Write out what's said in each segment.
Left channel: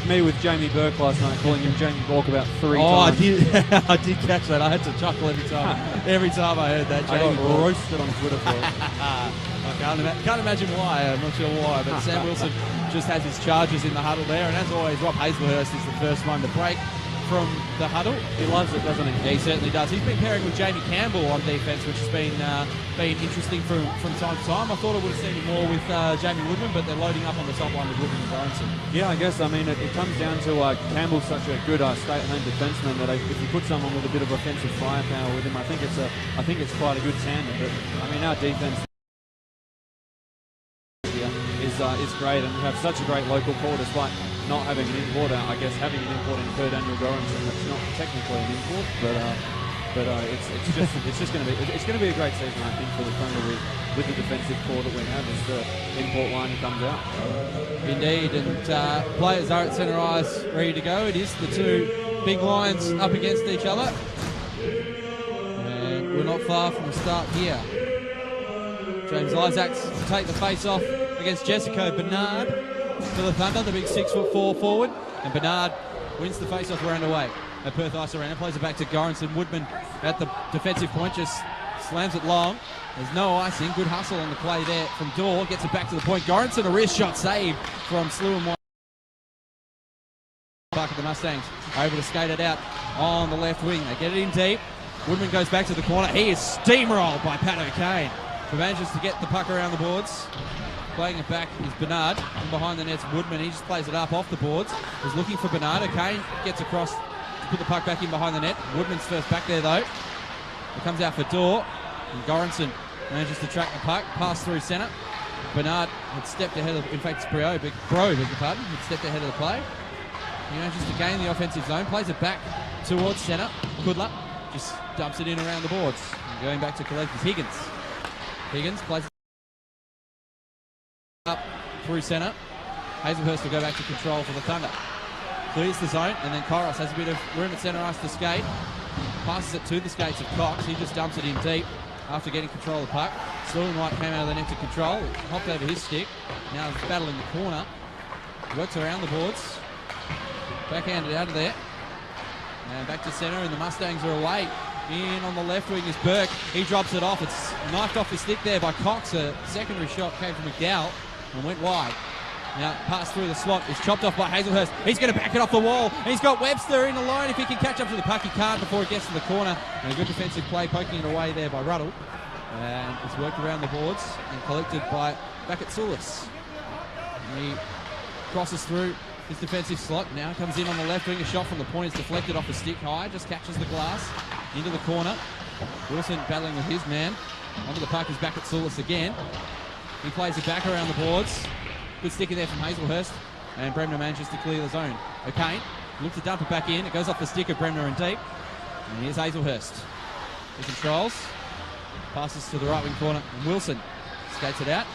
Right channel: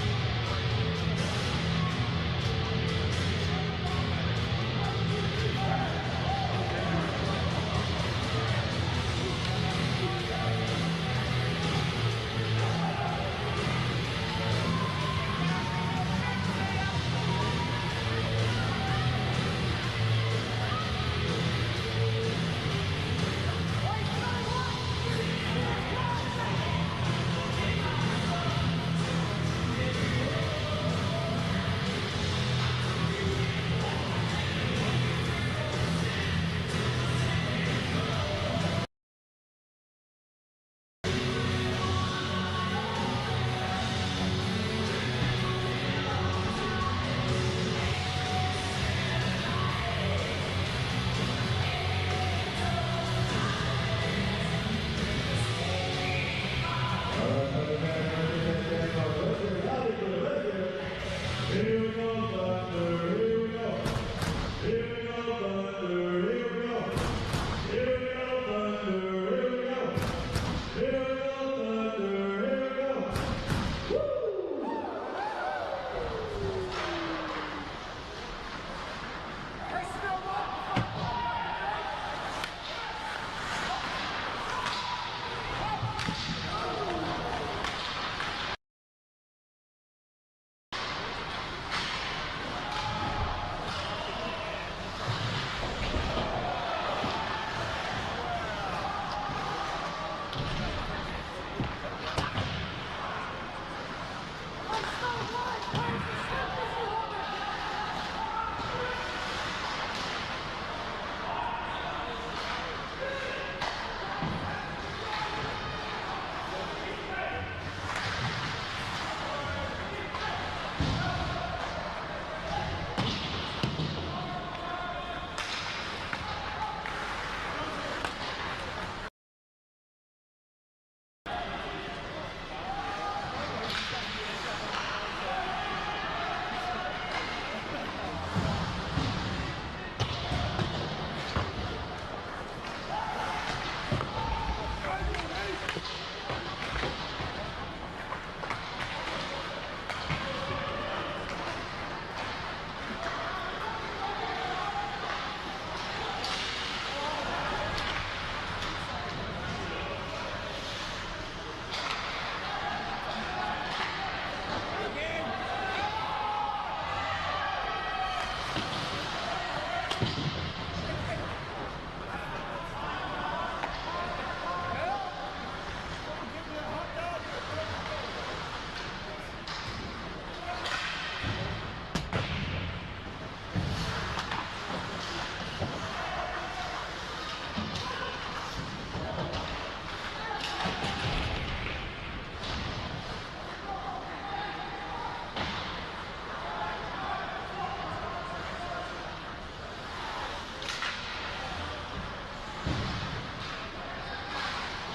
like me with Jamie Burke last night, calling him Jamie Bork about 3 times. Oh, I did catch that. I had to chuckle every time I heard that. I got roasted on Twitter for it. Can't imagine why. I'm not sure why. But Sam Wilson just has his charges in the huddle there, and as always, Rob Hazelhurst is the first one to break from the huddle. He loves it, doesn't he? Yeah, he certainly does. He's been pairing with Jamie Campbell on defence, which has been interesting from time to time. I thought it would seem more with Jamie Woodman, but they're loading up on the sideline with Woodman. Yeah, I guess. I mean, it comes down to Campbell's such a good straight-line defenseman that if you put someone with a bit of offensive firepower with him, I think it's quite a good standard. I mean, our defense is great, and we have such a great local call despite not having an import. I guess having an import in the third annual going, it's not technically an import, but it's going to be a great season, I think, for the Premier with the defensive core that we have as the import line comes out. Indeed, and players are at centre ice ready to go. It is the two big lines up against each other. We're not far from the start here. James Isaacs to take the face off against Jessica Bernard for the Thunder, the big 6'4" forward, and Bernard wins the face off around away. The Perth Ice Arena plays it back to Goranson. Woodman at the defensive point just slams it long. There's no icing. Good hustle on the play there from Dorr. Gets it back to the point. Goranson, a wrist shot save from Slew and White. Back at the Mustangs. Able to skate it out on the left wing. They get it in deep. Woodman goes back to the corner. He is steamrolled by Pat O'Kane. He manages to get the puck around the boards. Playing it back is Bernard. Behind the net's Woodman. He just plays it up off the boards. He's looking for Bernard. O'Kane gets across, put the puck back in behind the net. Woodman's first back there though. He comes out for Dorr. And Goranson manages to track the puck, pass through centre. Bernard had stepped ahead of, in fact it's Bro, but Grove is the pardon, had stepped ahead of the play. He manages to gain the offensive zone, plays it back towards centre. Goodluck just dumps it in around the boards. Going back to collect with Higgins. Higgins plays up through centre. Hazelhurst will go back to control for the Thunder. Clears the zone, and then Coros has a bit of room at centre ice to skate. Passes it to the skates of Cox. He just dumps it in deep after getting control of the puck. Sterling White came out of the net to control. Knocked over his stick. Now he's battling the corner. Works around the boards. Backhanded out of there. Now back to centre, and the Mustangs are away. In on the left wing is Burke. He drops it off. It's knifed off the stick there by Cox. A secondary shot came from McDowell and went wide. Now pass through the slot. It's chopped off by Hazelhurst. He's going to back it off the wall. He's got Webster in the line. If he can catch up to the puck, he can't before it gets to the corner. And a good defensive play poking it away there by Ruddle. And it's worked around the boards and collected by Bakatsulis. He crosses through his defensive slot. Now comes in on the left wing. A shot from the point is deflected off the stick high. Just catches the glass into the corner. Wilson battling with his man. Under the puck is Bakatsulis again. He plays it back around the boards. Good stick in there from Hazelhurst, and Bremner manages to clear the zone. O'Kane looks to dump it back in. It goes off the stick of Bremner and deep. And here's Hazelhurst. He controls. Passes to the right wing corner. Wilson skates it out.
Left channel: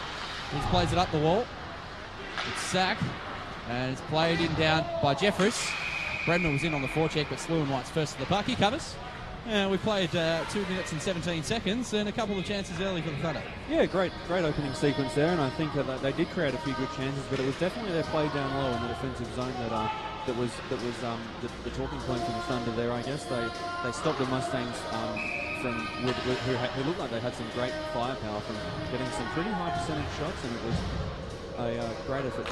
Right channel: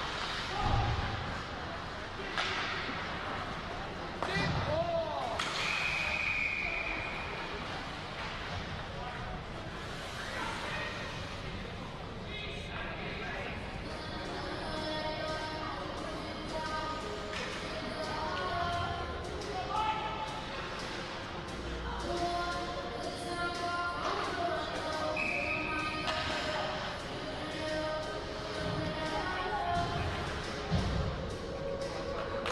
He plays it up the wall. It's sack. And it's played in down by Jeffers. Bremner was in on the forecheck, but Slew and White's first to the puck. He covers. We played 2 minutes and 17 seconds and a couple of chances early for the Thunder. Yeah, great opening sequence there, and I think that they did create a few good chances, but it was definitely their play down low in the offensive zone that was the talking point for the Thunder there. I guess they stopped the Mustangs from who looked like they had some great firepower from getting some pretty high percentage shots, and it was a great effort.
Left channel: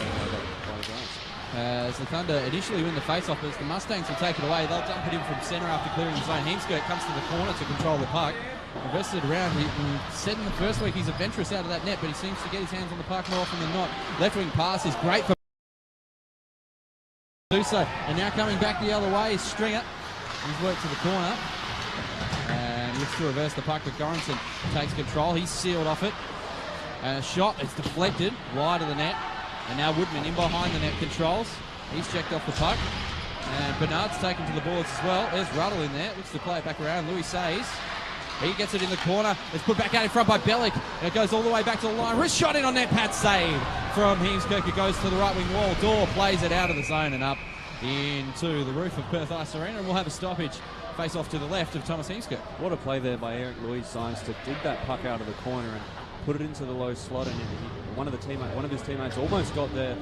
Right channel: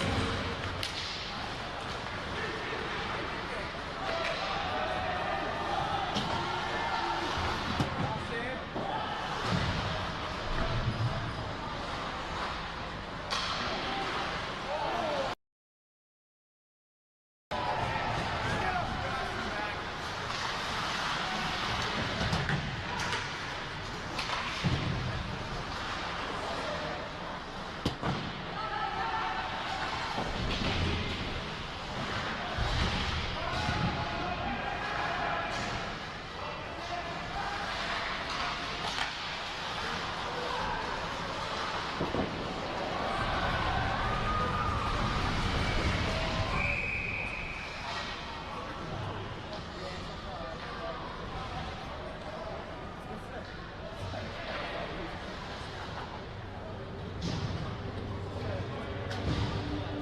As the Thunder initially win the face-off, as the Mustangs will take it away, they'll dump it in from centre after clearing the zone. Heemskirt comes to the corner to control the puck. Invested around. He said in the first week he's adventurous out of that net, but he seems to get his hands on the puck more often than not. Left wing pass is great for so. And now coming back the other way is Stringer. He's worked to the corner. And looks to reverse the puck with Goranson. Takes control. He's sealed off it. And a shot. It's deflected wide of the net. And now Woodman in behind the net controls. He's checked off the puck. And Bernard's taken to the boards as well. There's Ruddle in there. Looks to play it back around. Louis Says. He gets it in the corner. It's put back out in front by Bellick. It goes all the way back to the line. Wrist shot in on net. Pat save from Heemskirk. It goes to the right wing wall. Dorr plays it out of the zone and up into the roof of Perth Ice Arena. And we'll have a stoppage. Face off to the left of Thomas Heemskirk. What a play there by Eric Louis Saez to dig that puck out of the corner and put it into the low slot. And one of his teammates almost got there,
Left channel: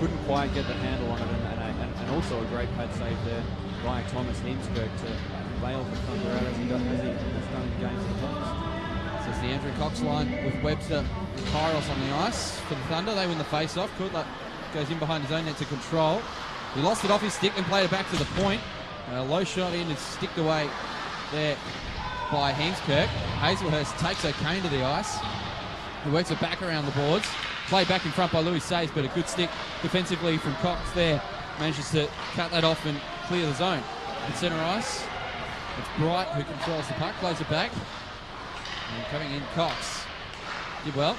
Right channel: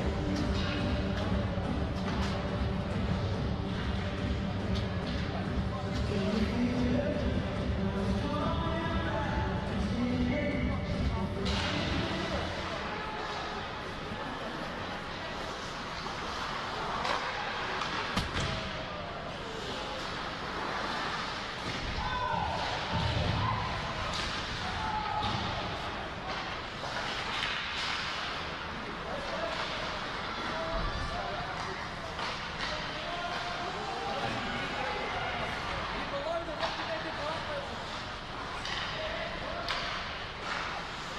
couldn't quite get the handle on it, and face-off. Kudla goes in behind his own net to control. He lost it off his stick and played it back to the point. Low shot in and sticked away there by Heemskirk. Hazelhurst takes her cane to the ice. He works it back around the boards. Played back in front by Louis Sayes, but a good stick defensively from Cox there. Manages to cut that off and clear the zone. At centre ice, it's Bright who controls the puck, plays it back. And cutting in Cox. Did well.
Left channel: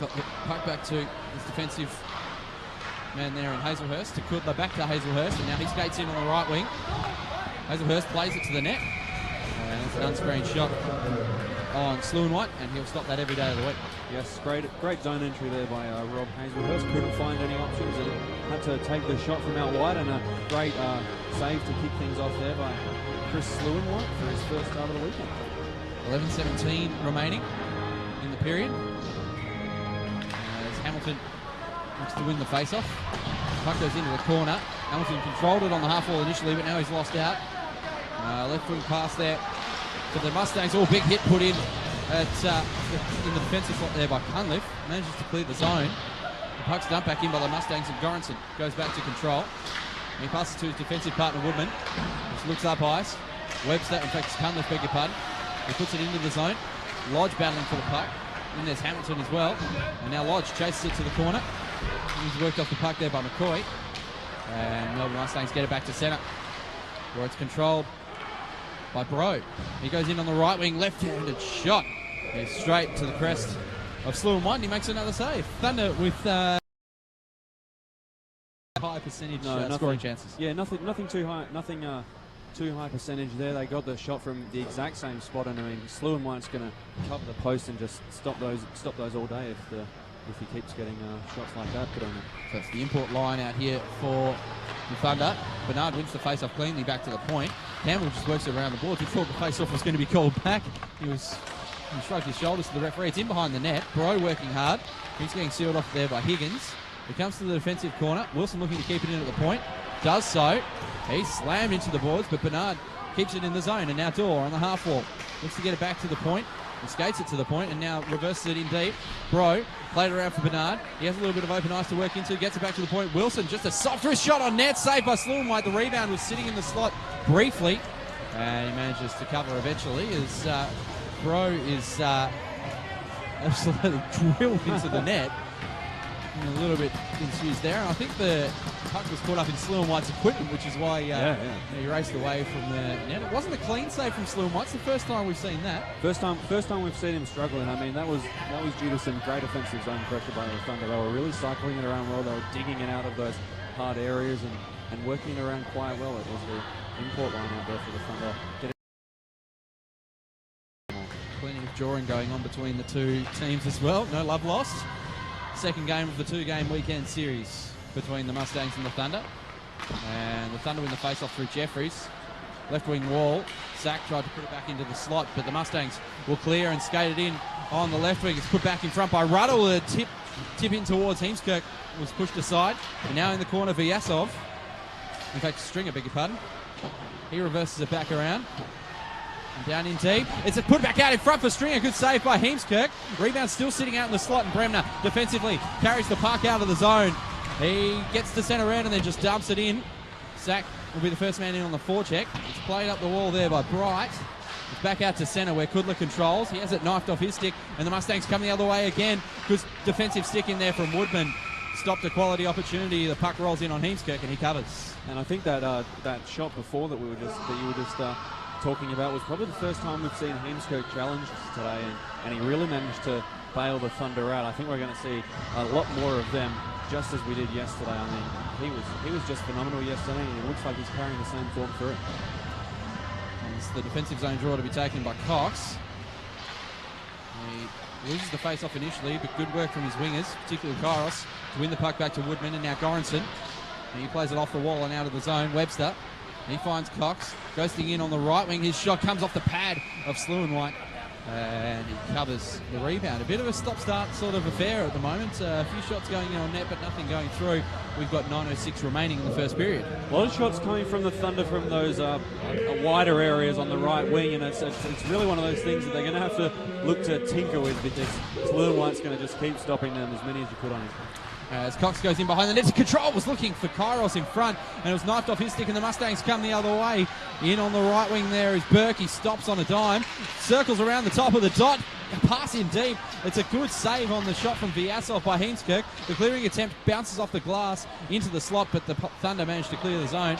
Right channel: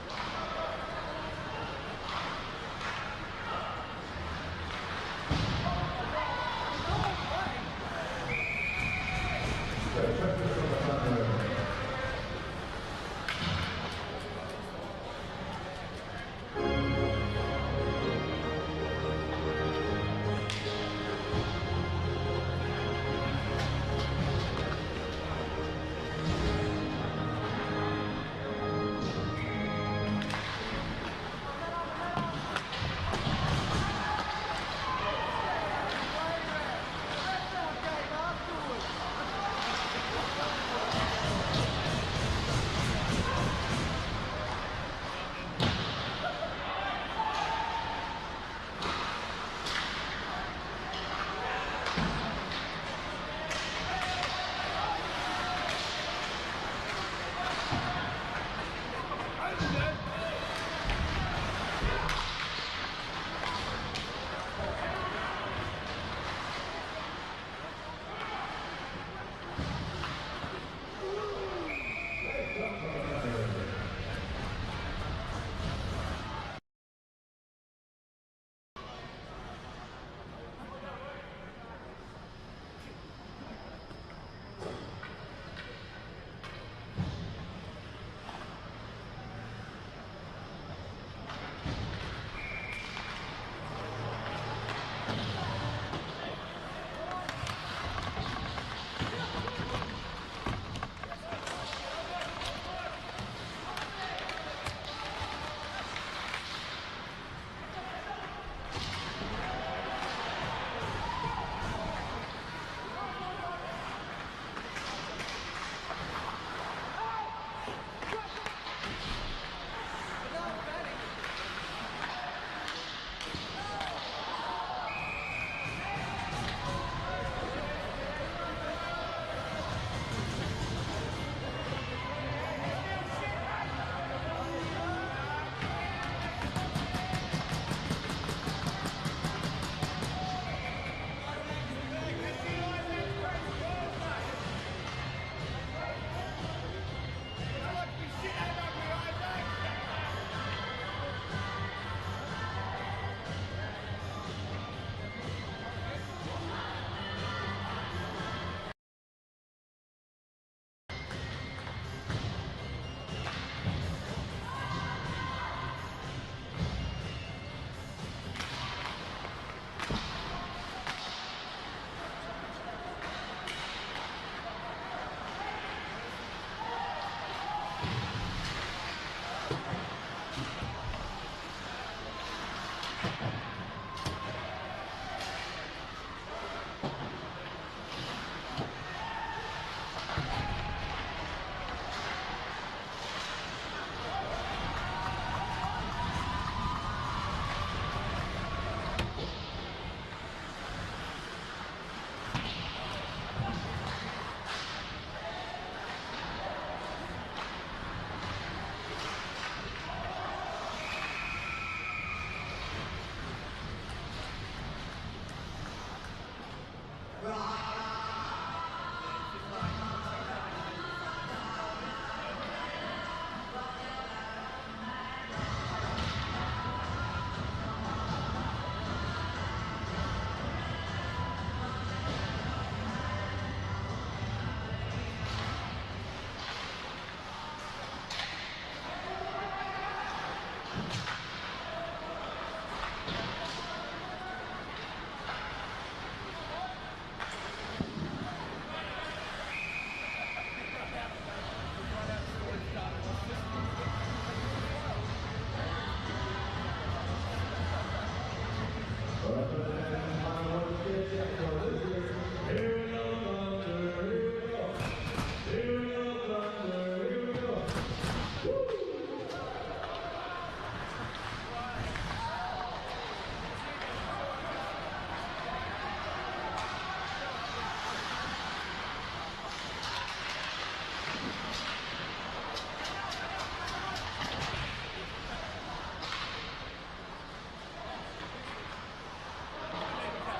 Got the puck back to his defensive man there on Hazelhurst. To Kudla back to Hazelhurst, and now he skates in on the right wing. Hazelhurst plays it to the net. That's a great shot on Sluanwhite, and he'll stop that every day of the week. Yes, great zone entry there by Rob Hazelhurst. Couldn't find any options. Had to take the shot from out wide, and a great save to kick things off there by Chris Sluanwhite for his first goal of the week. 11:17 remaining in the period. Hamilton looks to win the face-off. Puck goes into the corner. Hamilton controlled it on the half wall initially, but now he's lost out. Left foot pass there to the Mustangs. All big hit put in at in the defensive spot there by Cunliffe. Manages to clear the zone. Puck's dumped back in by the Mustangs, and Goranson goes back to control. He passes to his defensive partner Woodman. Switches up ice. Webster takes Cunliffe, beg your pardon. He puts it into the zone. Lodge battling for the puck. And there's Hamilton as well. And now Lodge chases it to the corner. He's worked off the puck there by McCoy. And the Mustangs get it back to centre, where it's controlled by Bro. He goes in on the right wing, left-handed shot. Goes straight to the crest of Sluanwhite, and he makes another save. Thunder with high percentage scoring chances. Yeah, nothing too high, too high percentage there. They got the shot from the exact same spot, and I mean, Sluanwhite's going to top the post and just stop those all day if he keeps getting shots like that. But so it's the import line out here for the Thunder. Bernard wins the face-off cleanly back to the point. Campbell just works it around the board. He thought the face-off was going to be called back. He shrugged his shoulders to the referee. It's in behind the net. Bro working hard. He's getting sealed off there by Higgins. He comes to the defensive corner. Wilson looking to keep it in at the point. Does so. He's slammed into the boards, but Bernard keeps it in the zone. And now Dorr on the half wall. Needs to get it back to the point. He skates it to the point and now reverses it in deep. Bro played it around for Bernard. He has a little bit of open ice to work into. Gets it back to the point. Wilson just a soft wrist shot on net. Saved by Sluanwhite. The rebound was sitting in the slot briefly. And manages to cover eventually as Bro is absolutely drilled into the net. A little bit confused there. I think the puck was caught up in Sluanwhite's equipment, which is why he raced away from the net. It wasn't a clean save from Sluanwhite. It's the first time we've seen that. First time we've seen him struggling. I mean, that was due to some great offensive zone pressure by the Thunder. They were really cycling it around well. They were digging out of those hard areas and working around quite well. It was the import line out there for the Thunder. Plenty of drawing going on between the two teams as well. No love lost. Second game of the two-game weekend series between the Mustangs and the Thunder. And the Thunder win the face-off through Jeffries. Left wing wall. Zach tried to put it back into the slot, but the Mustangs will clear and skate it in on the left wing. It's put back in front by Ruddle. A tip in towards Heemskirk was pushed aside. And now in the corner, Vyasov. In fact, Stringer, beg your pardon. He reverses it back around. Down in deep. It's a put back out in front for Stringer. Good save by Heemskirk. Rebound still sitting out in the slot, and Bremner defensively carries the puck out of the zone. He gets to centre end and then just dumps it in. Zach will be the first man in on the forecheck. It's played up the wall there by Bright. It's back out to centre where Kudla controls. He has it knifed off his stick, and the Mustangs come the other way again. Good defensive stick in there from Woodman. Stopped a quality opportunity. The puck rolls in on Heemskirk and he covers. And I think that shot before that you were just talking about was probably the first time we've seen Heemskirk challenge today, and he really managed to bail the Thunder out. I think we're going to see a lot more of them, just as we did yesterday. I mean, he was just phenomenal yesterday, and it looks like he's playing the same talk through. It's the defensive zone draw to be taken by Cox. He loses the face-off initially, but good work from his wingers, particularly Kairos, to win the puck back to Woodman, and now Goranson. He plays it off the wall and out of the zone. Webster. He finds Cox, goes in on the right wing. His shot comes off the pad of Sluanwhite and covers the rebound. A bit of a stop-start sort of affair at the moment. A few shots going in on net, but nothing going through. we've got 9:06 remaining in the first period. A lot of shots coming from the Thunder from those wider areas on the right wing, and it's really one of those things that they're going to have to look to tinker with, because Lil White's going to just keep stopping them as many as you put on his phone. As Cox goes in behind the net to control, was looking for Kairos in front, and it was knifed off his stick, and the Mustangs come the other way. In on the right wing there is Burke. He stops on a dime, circles around the top of the dot, and pass in deep. It's a good save on the shot from Vyasov by Heemskerk. The clearing attempt bounces off the glass into the slot, but the Thunder managed to clear the zone.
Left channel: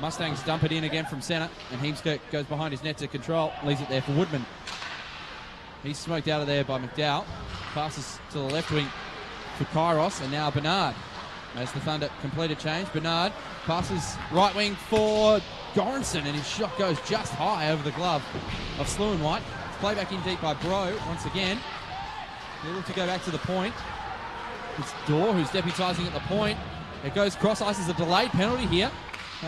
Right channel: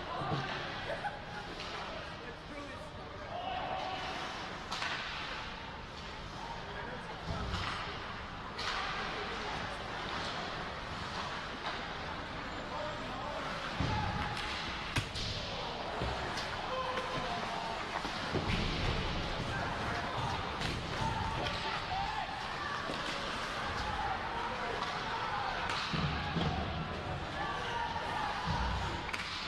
Mustangs dump it in again from centre, and Heemskerk goes behind his net to control, leaves it there for Woodman. He's smoked out of there by McDowell. Passes to the left wing for Kairos, and now Bernard. As the Thunder complete a change, Bernard passes right wing for Goranson, and his shot goes just high over the glove of Sluin White. Play back in deep by Bro once again. They look to go back to the point. It's Dorr who's deputising at the point. It goes cross ice as a delayed penalty here.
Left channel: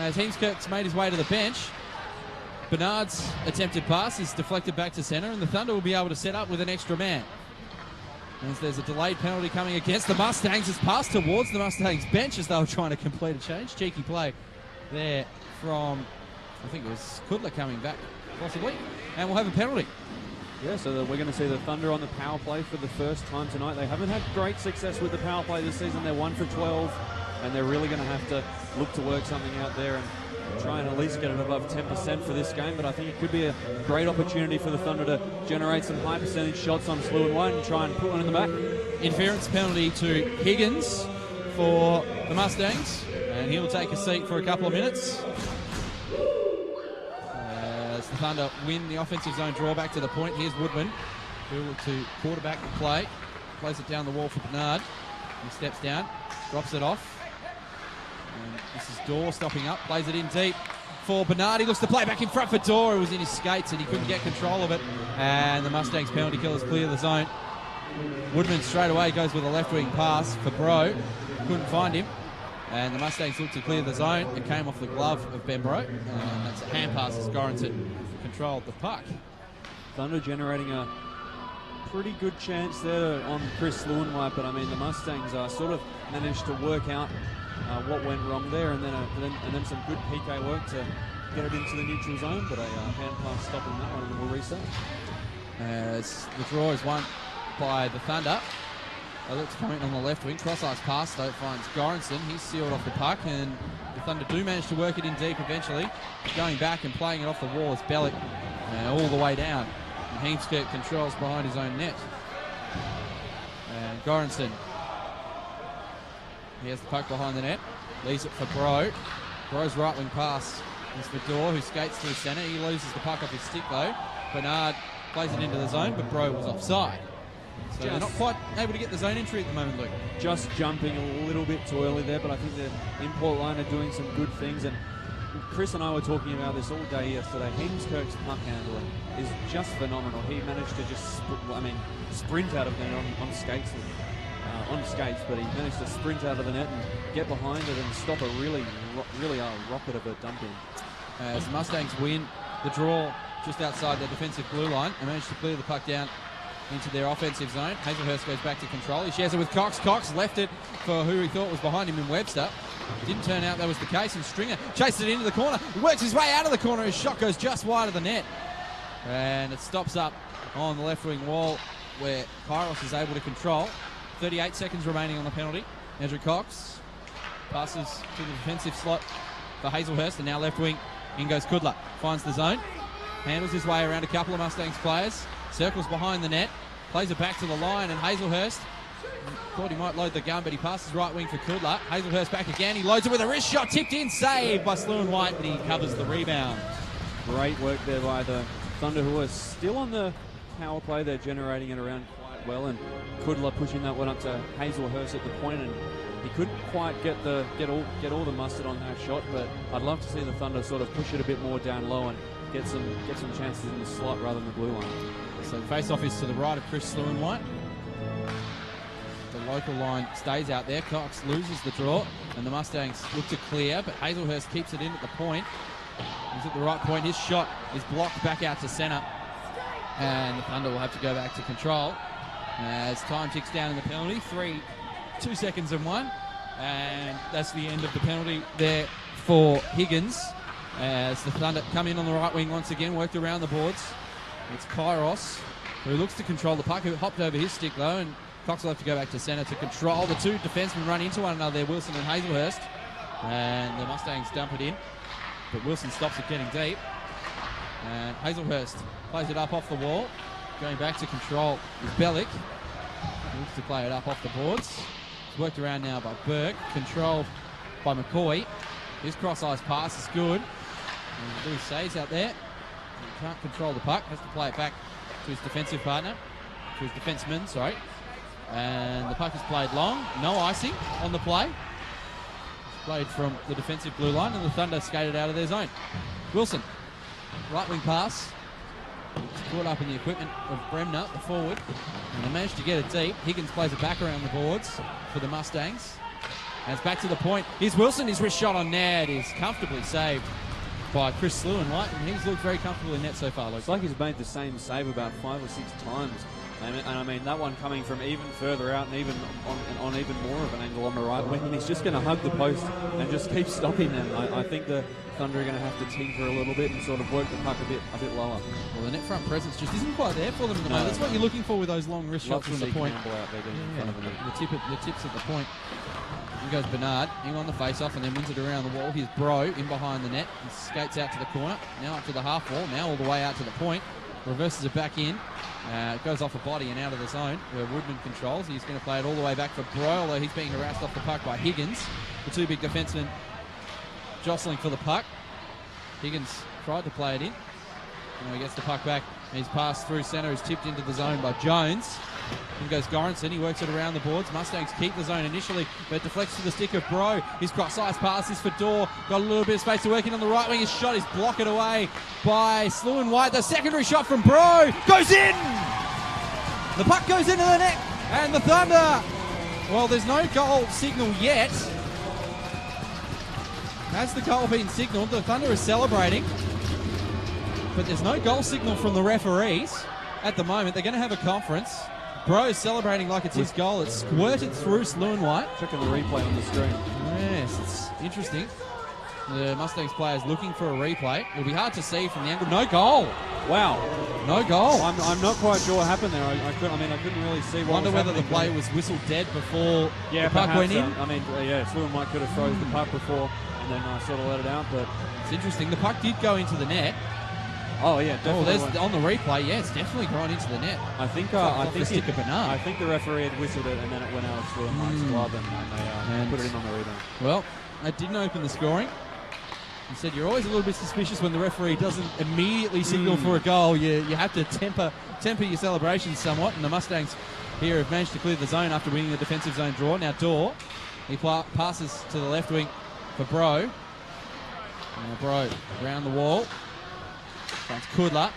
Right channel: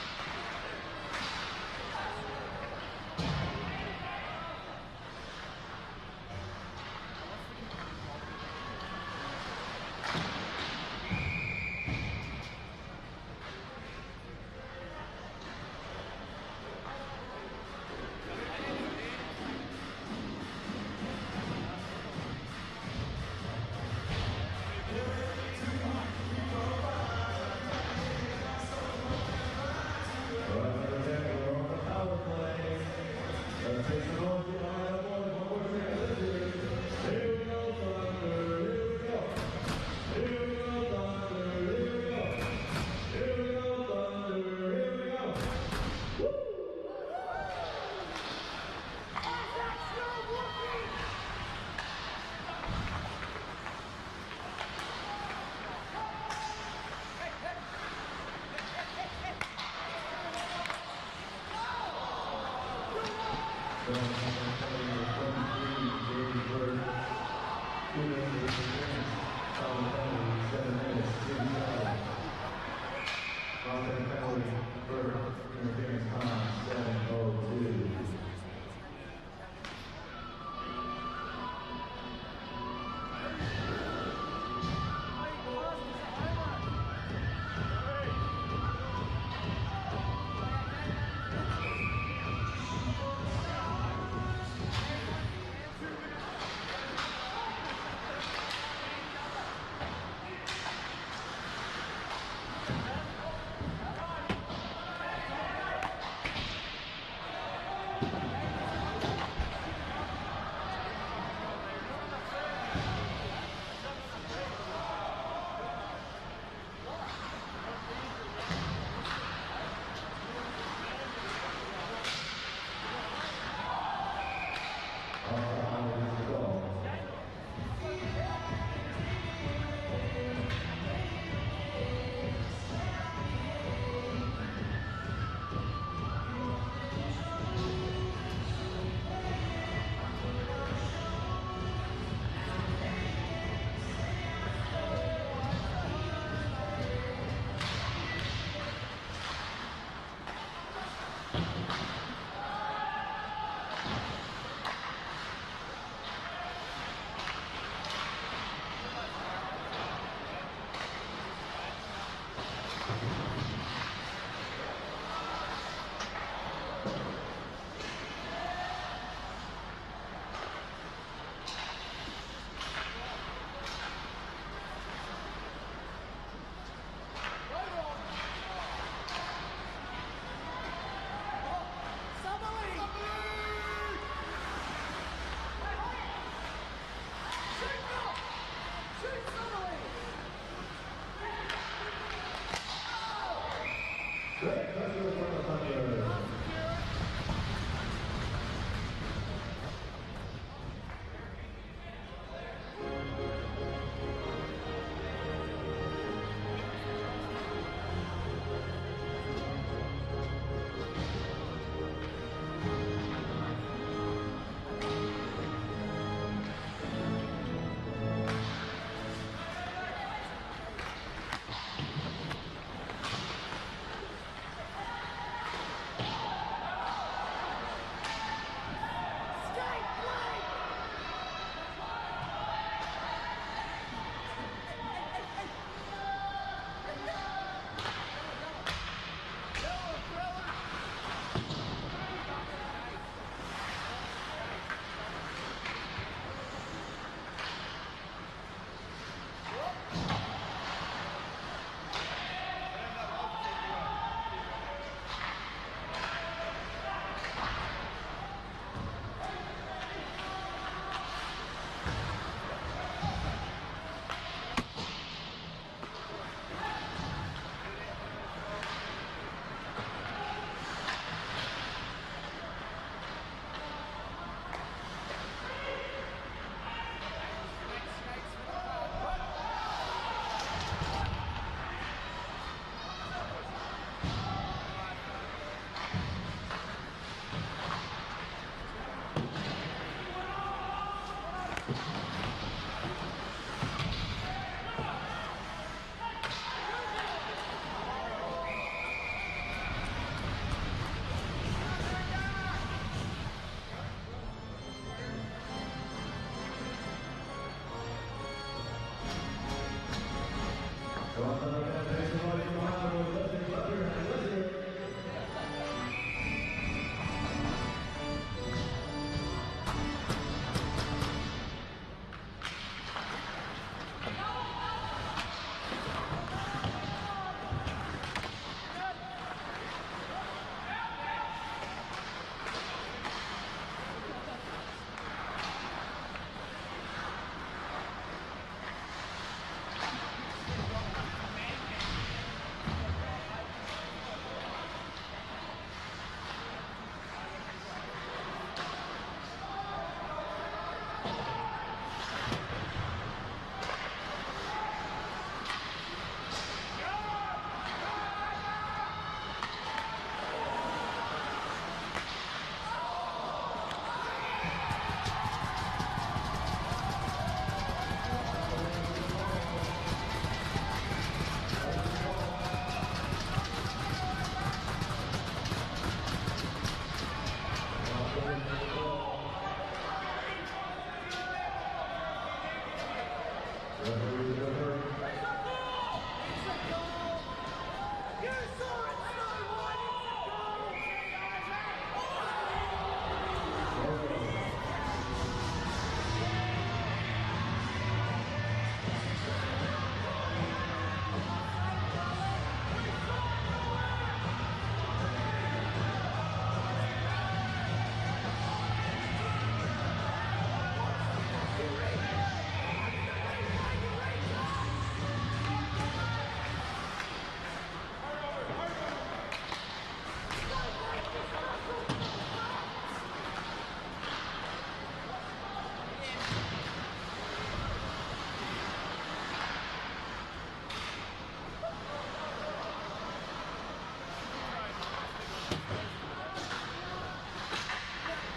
As Heemskerk's made his way to the bench. Bernard's attempted pass is deflected back to centre, and the Thunder will be able to set up with an extra man. As there's a delayed penalty coming against the Mustangs. It's passed towards the Mustangs bench as they were trying to complete a change. Cheeky play there from, I think it was Kudla coming back, possibly. And we'll have a penalty. Yeah, so we're going to see the Thunder on the power play for the first time tonight. They haven't had great success with the power play this season. They're 1 for 12, and they're really going to have to look to work something out there and try and at least get it above 10% for this game. But I think it could be a great opportunity for the Thunder to generate some high percentage shots on Sluin White and try and put one in the back. Interference penalty to Higgins for the Mustangs, and he'll take a seat for a couple of minutes. Thunder win the offensive zone draw back to the point. Here's Woodman, able to quarterback the play, plays it down the wall for Bernard. He steps down, drops it off. And this is Dorr stopping up, plays it in deep for Bernard. He looks to play back in front for Dorr, who was in his skates and he couldn't get control of it. And the Mustangs penalty killers clear the zone. Woodman straight away goes with a left wing pass for Bro, couldn't find him. And the Mustangs looked to clear the zone. It came off the glove of Ben Bro. That's a hand pass as Goranson controlled the puck. Thunder generating a pretty good chance there on Chris Sluin White, but I mean the Mustangs sort of managed to work out what went wrong there, and then some good PK work to get it into the neutral zone, but a hand pass stopping there with the reset. As the draw is won by the Thunder. It's coming on the left wing, cross-ice pass though finds Goranson. He's sealed off the puck, and the Thunder do manage to work it in deep eventually. Going back and playing it off the wall is Bellick all the way down. Heemskerk controls behind his own net. And Goranson, he has the puck behind the net, leaves it for Bro. Bro's right wing pass is the Dorr, who skates through centre. He loses the puck off his stick though. Bernard plays it into the zone, but Bro was offside. So they're not quite able to get the zone entry at the moment, Luke. Just jumping a little bit too early there, but I think the import line are doing some good things. And Chris and I were talking about this all day yesterday. Heemskerk's puck handler is just phenomenal. He managed to just sprint out of the net on skates. But he managed to sprint out of the net, get behind it, and stop a really rocket of a dumping. As the Mustangs win the draw just outside the defensive blue line, and managed to clear the puck down into their offensive zone. Hazelhurst goes back to control. He shares it with Cox. Cox left it for who he thought was behind him in Webster. Didn't turn out that was the case, and Stringer chases it into the corner. He works his way out of the corner. His shot goes just wide of the net. And it stops up on the left wing wall where Kairos is able to control. 38 seconds remaining on the penalty. Andrew Cox passes to the defensive slot for Hazelhurst, and now left wing. In goes Kudla. Finds the zone. Handles his way around a couple of Mustangs players. Circles behind the net, plays it back to the line, and Hazelhurst thought he might load the gun, but he passes right wing for Kudla. Hazelhurst back again, he loads it with a wrist shot, tipped in, saved by Sluin White, but he covers the rebound. Great work there by the Thunder, who are still on the power play. They're generating it around well, and Kudla pushing that one up to Hazelhurst at the point, and he couldn't quite get all the mustard on that shot, but I'd love to see the Thunder sort of push it a bit more down low and get some chances in the slot rather than the blue line. So face-off is to the right of Chris Sluin White. The local line stays out there. Cox loses the draw, and the Mustangs look to clear, but Hazelhurst keeps it in at the point. He's at the right point. His shot is blocked back out to centre, and the Thunder will have to go back to control. As time ticks down in the penalty, 2 seconds and 1. And that's the end of the penalty there for Higgins. As the Thunder come in on the right wing once again, worked around the boards. It's Kairos, who looks to control the puck, who hopped over his stick though, and Cox will have to go back to centre to control. The two defensemen run into one another there, Wilson and Hazelhurst. And the Mustangs dump it in, but Wilson stops it getting deep. Hazelhurst plays it up off the wall, going back to control with Bellick. Looks to play it up off the boards. Worked around now by Burke, controlled by McCoy. His cross-ice pass is good. Blue saves out there. Can't control the puck, has to play it back to his defensive partner, to his defenseman, sorry. And the puck is played long, no icing on the play. Played from the defensive blue line, and the Thunder skated out of their zone. Wilson, right wing pass. Caught up in the equipment of Bremner, the forward. And managed to get it deep. Higgins plays it back around the boards for the Mustangs. And it's back to the point. Here's Wilson, his wrist shot on net is comfortably saved by Chris Lewin, right? And he's looked very comfortable in net so far. It's like he's made the same save about 5 or 6 times. And I mean, that one coming from even further out and even on even more of an angle on the right wing. He's just going to hug the post and just keep stopping them. I think the Thunder are going to have to tinker a little bit and sort of work the puck a bit lower. Well, the net front presence just isn't quite there for them. No. That's what you're looking for with those long wrist shots from the point. The tips at the point. Here goes Bernard, in on the face-off and then wins it around the wall. Here's Bro in behind the net. He skates out to the corner, now up to the half wall, now all the way out to the point. Reverses it back in. It goes off the body and out of the zone where Woodman controls. He's going to play it all the way back for Bro, although he's being harassed off the puck by Higgins. The two big defensemen jostling for the puck. Higgins tried to play it in. And he gets the puck back. He's passed through centre, is tipped into the zone by Jones. In goes Goranson, he works it around the boards. Mustangs keep the zone initially, but deflects to the stick of Bro. His cross-ice pass is for Dorr. Got a little bit of space to work in on the right wing. His shot is blocked away by Sluin White. The secondary shot from Bro goes in! The puck goes into the net, and the Thunder, well, there's no goal signal yet. As the goal being signalled, the Thunder is celebrating. But there's no goal signal from the referees at the moment. They're going to have a conference. Bro is celebrating like it's his goal. It's squirted through Sluin White. Checking the replay on the screen. Yes, it's interesting. The Mustangs players looking for a replay. It'll be hard to see from the angle. No goal. Wow. No goal. I'm not quite sure what happened there. I couldn't really see what wonder whether the play was whistled dead before the puck went in. I mean, Sluin White could have froze the puck before and then sort of let it out. But it's interesting. The puck did go into the net. Oh yeah, there's on the replay. Yeah, it's definitely gone into the net. I think the referee had whistled it and then it went out rather than put it in on the replay. Well, that didn't open the scoring. He said you're always a little bit suspicious when the referee doesn't immediately signal for a goal. You have to temper your celebrations somewhat. And the Mustangs here have managed to clear the zone after winning the defensive zone draw. Now Dorr, he passes to the left wing for Bro. And Bro around the wall. That's Kudla.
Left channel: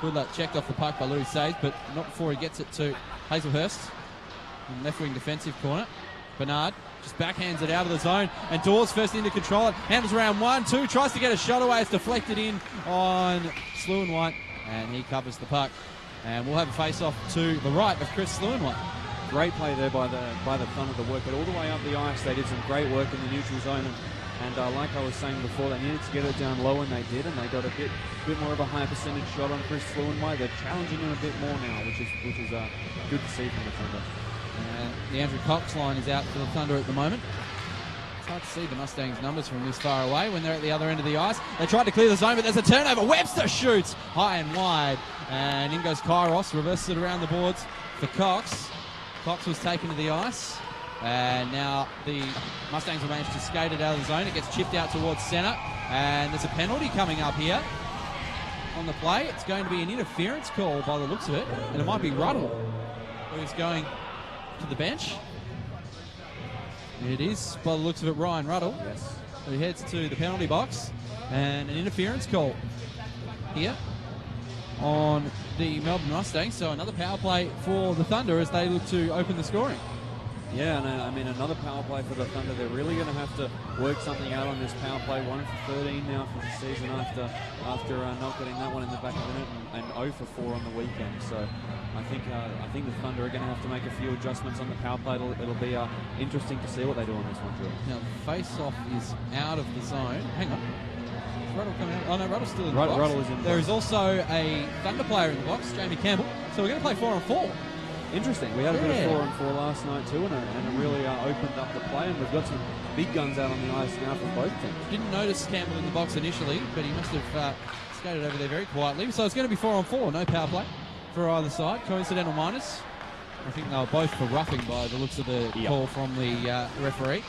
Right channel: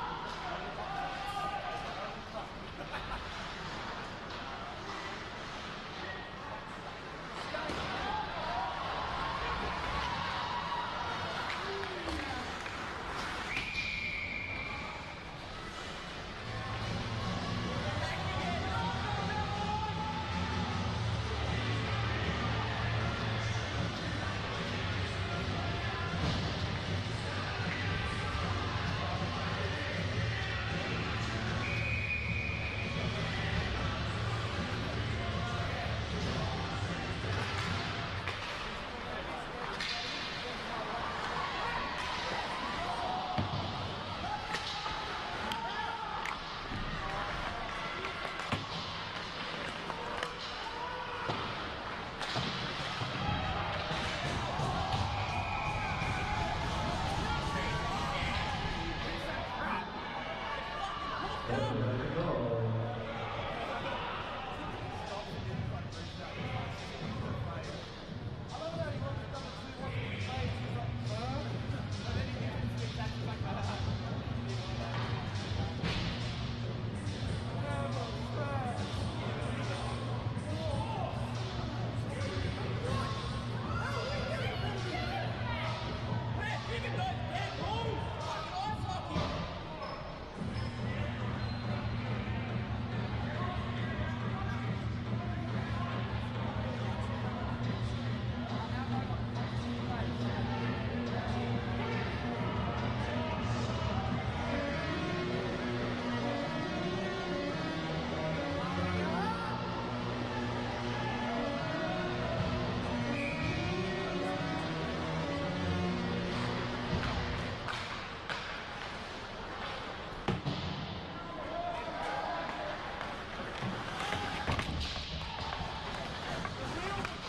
Kudla checked off the puck by Louis Sage, but not before he gets it to Hazelhurst in left wing defensive corner. Bernard just backhands it out of the zone, and Dawes first in to control it. Handles around 1-2, tries to get a shot away. It's deflected in on Sluin White, and he covers the puck. And we'll have a face-off to the right of Chris Sluin White. Great play there by the Thunder to work it all the way up the ice. They did some great work in the neutral zone. And like I was saying before, they needed to get it down low, and they did, and they got a bit more of a high percentage shot on Chris Sluin White. They're challenging him a bit more now, which is good to see from the Thunder. The Andrew Cox line is out for the Thunder at the moment. It's hard to see the Mustangs' numbers from this far away when they're at the other end of the ice. They tried to clear the zone, but there's a turnover. Webster shoots high and wide, and in goes Kairos, reverses it around the boards for Cox. Cox was taken to the ice. And now the Mustangs have managed to skate it out of the zone. It gets chipped out towards centre. And there's a penalty coming up here on the play. It's going to be an interference call by the looks of it. It might be Ruddle who's going to the bench. It is, by the looks of it, Ryan Ruddle, who heads to the penalty box. And an interference call here on the Melbourne Mustangs. So another power play for the Thunder as they look to open the scoring. Yeah, and I mean, another power play for the Thunder. They're really going to have to work something out on this power play. 1 for 13 now for the season after not getting that one in the back of the net, and 0 for 4 on the weekend. So I think the Thunder are going to have to make a few adjustments on the power play. It'll be interesting to see what they do on this one. Now, face-off is out of the zone. Hang on. Oh no, Ruddle's still in the box. Ruddle's in the There is also a Thunder player in the box, Jamie Campbell. So we're going to play 4-on-4. Interesting. We had a bit of 4-on-4 last night too, and really opened up the play. We've got some big guns out on the ice now for both teams. Didn't notice Campbell in the box initially, but he must have skated over there very quietly. So it's going to be 4-on-4, no power play for either side. Coincidental minus. I think they were both for roughing by the looks of the call from the referee.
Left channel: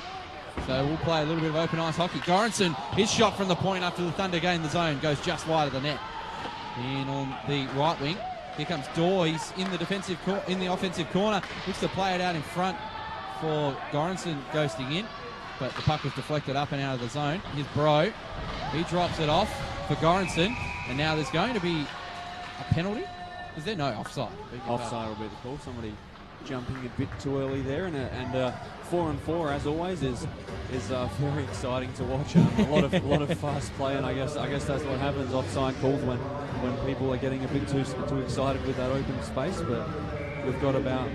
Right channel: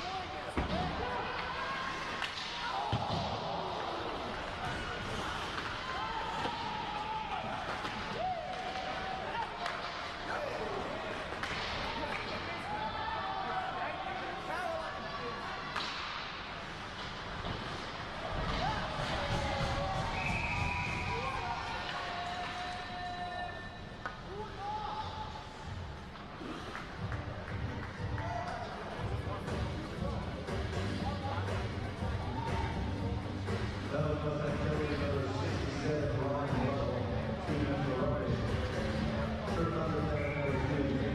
So we'll play a little bit of open ice hockey. Goranson, his shot from the point after the Thunder gain the zone goes just wide of the net. In on the right wing, here comes Dorr. He's in the offensive corner. Looks to play it out in front for Goranson ghosting in, but the puck was deflected up and out of the zone. Here's Bro. He drops it off for Goranson, and now there's going to be a penalty. Is there no offside? Offside will be the call. Somebody jumping a bit too early there, and 4-on-4 as always is very exciting to watch. A lot of fast play, and I guess that's what happens offside calls when people are getting a bit too excited with that open space. But we've got about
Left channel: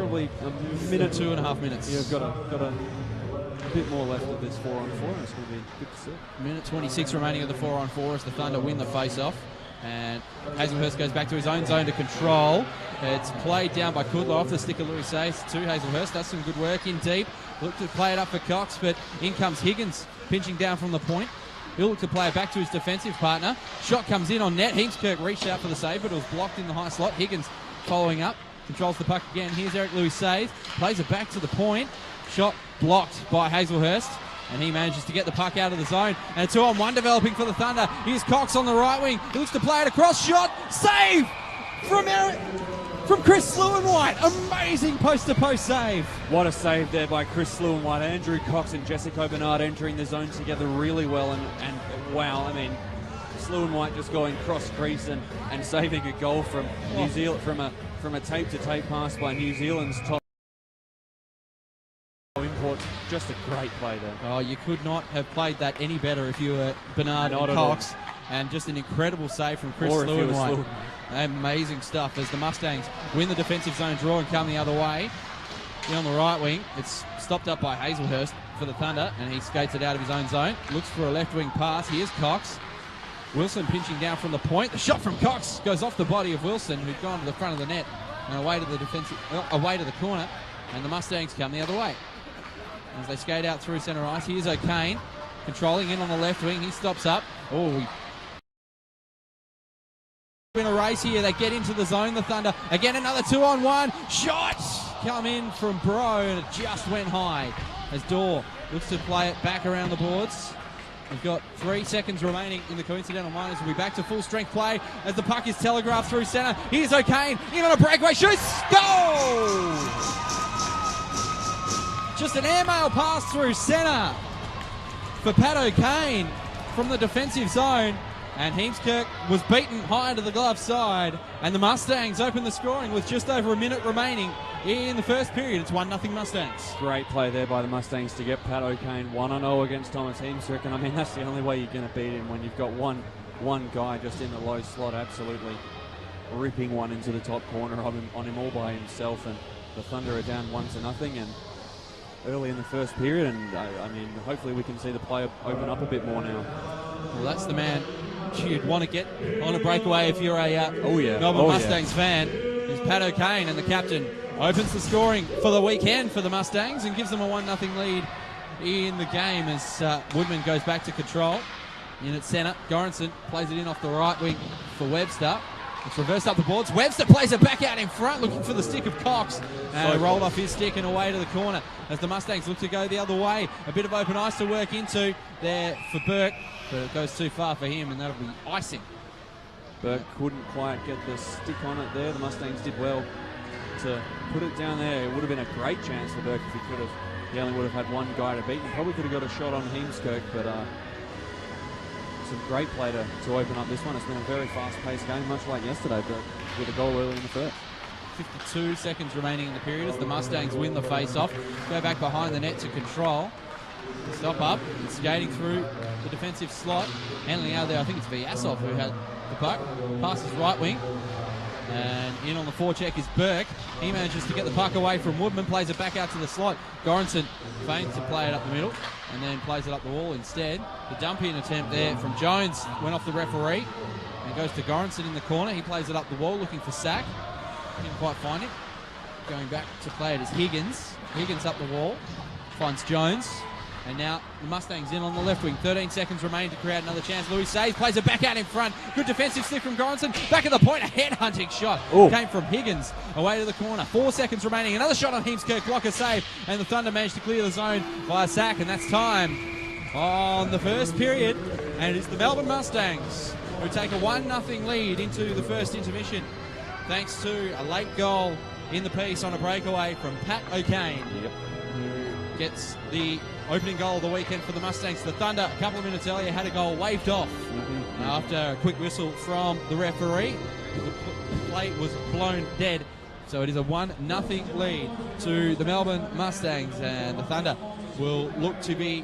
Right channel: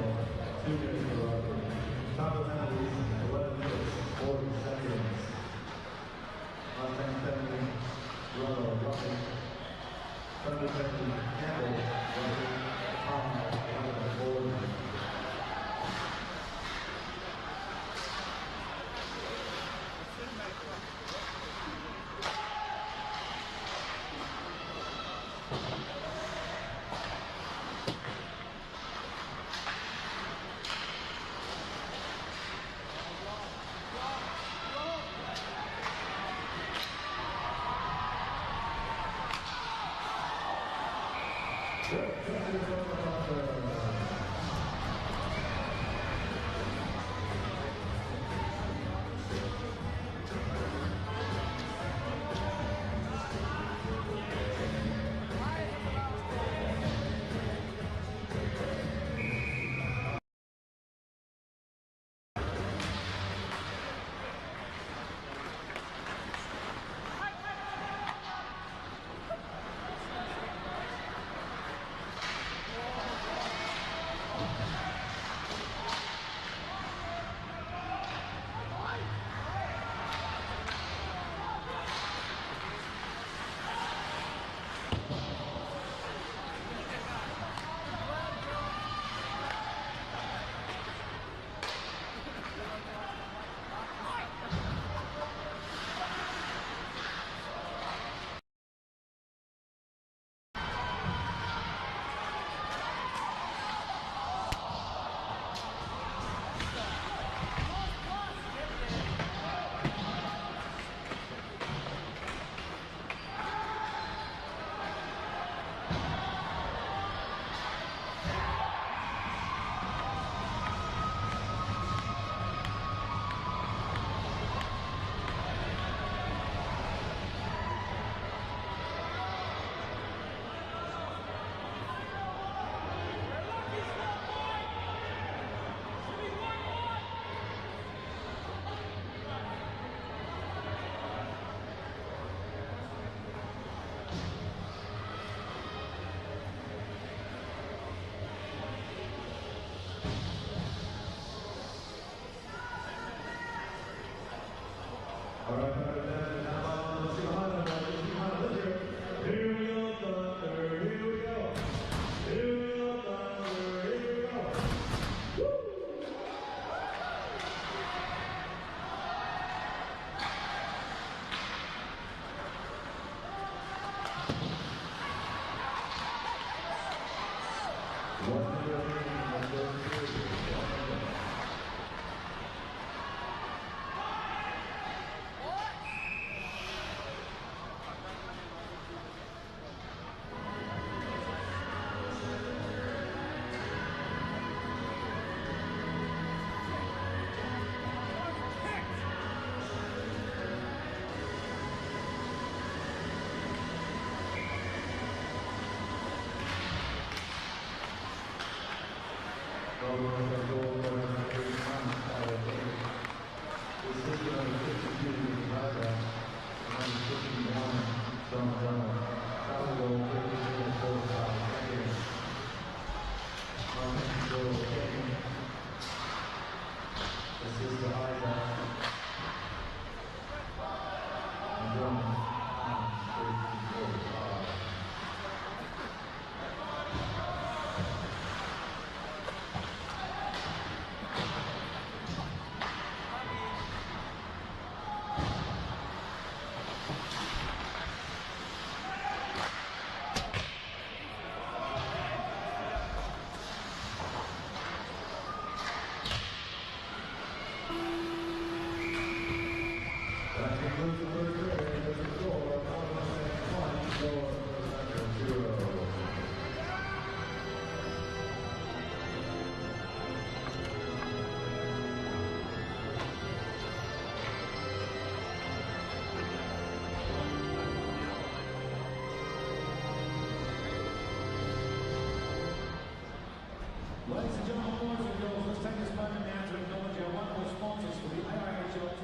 probably a minute, 2.5 minutes. We've got a bit more left of this 4-on-4. It's going to be good to see. Minute 26 remaining in the 4-on-4 as the Thunder win the face-off. And Hazelhurst goes back to his own zone to control. It's played down by Kudlow off the stick of Louis Sace to Hazelhurst. Does some good work in deep. Look to play it up for Cox, but in comes Higgins pinching down from the point. He'll look to play it back to his defensive partner. Shot comes in on net. Heemskirk reached out for the save, but it was blocked in the high slot. Higgins following up. Controls the puck again. Here's Eric Louis Sace. Plays it back to the point. Shot blocked by Hazelhurst. And he manages to get the puck out of the zone. And a 2-on-1 developing for the Thunder. Here's Cox on the right wing. He looks to play it across. Shot. Save from Chris Lewin-White. Amazing post-to-post save. What a save there by Chris Lewin-White. Andrew Cox and Jessica Bernard entering the zone together really well. And wow, I mean, Chris Lewin-White just going cross crease and saving a goal from New Zealand, from a tape-to-tape pass by New Zealand's top. Just a great play there. Oh, you could not have played that any better if you were Bernard Not and at all. Cox. And just an incredible save from Chris Or if he was Lewin-White. Lewin. Amazing stuff as the Mustangs win the defensive zone draw and come the other way. On the right wing, it's stopped up by Hazelhurst for the Thunder, and he skates it out of his own zone. Looks for a left wing pass. Here's Cox. Wilson pinching down from the point. The shot from Cox goes off the body of Wilson, who's gone to the front of the net and away to the corner. And the Mustangs come the other way. As they skate out through centre ice, here's O'Kane controlling in on the left wing. He stops up. Oh, in a race here, they get into the zone, the Thunder. Again, another 2-on-1. Shots come in from Bro, and it just went high as Dorr looks to play it back around the boards. We've got 3 seconds remaining in the coincidental minors. We'll be back to full strength play as the puck is telegraphed through centre. Here's O'Kane in on a breakaway. Shoots. Goal! Just an airmail pass through centre for Pat O'Kane from the defensive zone. And Heemskirk was beaten high to the glove side. And the Mustangs open the scoring with just over a minute remaining in the first period. It's 1-0 Mustangs. Great play there by the Mustangs to get Pat O'Kane 1-0 against Thomas Heemskirk. And I mean, that's the only way you're going to beat him, when you've got one guy just in the low slot, absolutely ripping one into the top corner on him all by himself. And the Thunder are down 1-0 and early in the first period, and I mean, hopefully we can see the play open up a bit more now. Well, that's the man you'd want to get on a breakaway if you're a Melbourne Mustangs fan. Is Pat O'Kane, and the captain opens the scoring for the weekend for the Mustangs and gives them a 1-0 lead in the game as Woodman goes back to control. In at centre, Goranson plays it in off the right wing for Webster. It's reversed up the boards. Webster plays it back out in front, looking for the stick of Cox. And rolled off his stick and away to the corner as the Mustangs look to go the other way. A bit of open ice to work into there for Burke, but it goes too far for him, and that'll be icing. Burke couldn't quite get the stick on it there. Mustangs did well to put it down there. It would have been a great chance for Burke if he could have. He would have had one guy to beat. He probably could have got a shot on Heemskirk, but it's a great play to open up this one. It's been a very fast-paced game, much like yesterday, but with a goal early in the first. 52 seconds remaining in the period as the Mustangs win the face-off. Go back behind the net to control. Stop up, skating through the defensive slot. Handling out there, I think it's Vyasov who had the puck. Passes right wing. And in on the forecheck is Burke. He manages to get the puck away from Woodman, plays it back out to the slot. Goranson feigns to play it up the middle and then plays it up the wall instead. The dump-in attempt there from Jones went off the referee. It goes to Goranson in the corner. He plays it up the wall looking for Sack. Couldn't quite find it. Going back to play it is Higgins. Higgins up the wall. Finds Jones. And now the Mustangs in on the left wing. 13 seconds remaining to create another chance. Louis saves, plays it back out in front. Good defensive slip from Goranson. Back at the point, a head-hunting shot. Ooh. Came from Higgins away to the corner. 4 seconds remaining. Another shot on Heemskirk. Blocker save. And the Thunder managed to clear the zone by a sack. And that's time on the first period. And it's the Melbourne Mustangs who take a 1-0 lead into the first intermission, thanks to a late goal in the piece on a breakaway from Pat O'Kane. Gets the opening goal of the weekend for the Mustangs. The Thunder, a couple of minutes earlier, had a goal waved off. Now, after a quick whistle from the referee, the play was blown dead. So it is a 1-0 lead to the Melbourne Mustangs, and the Thunder will look to be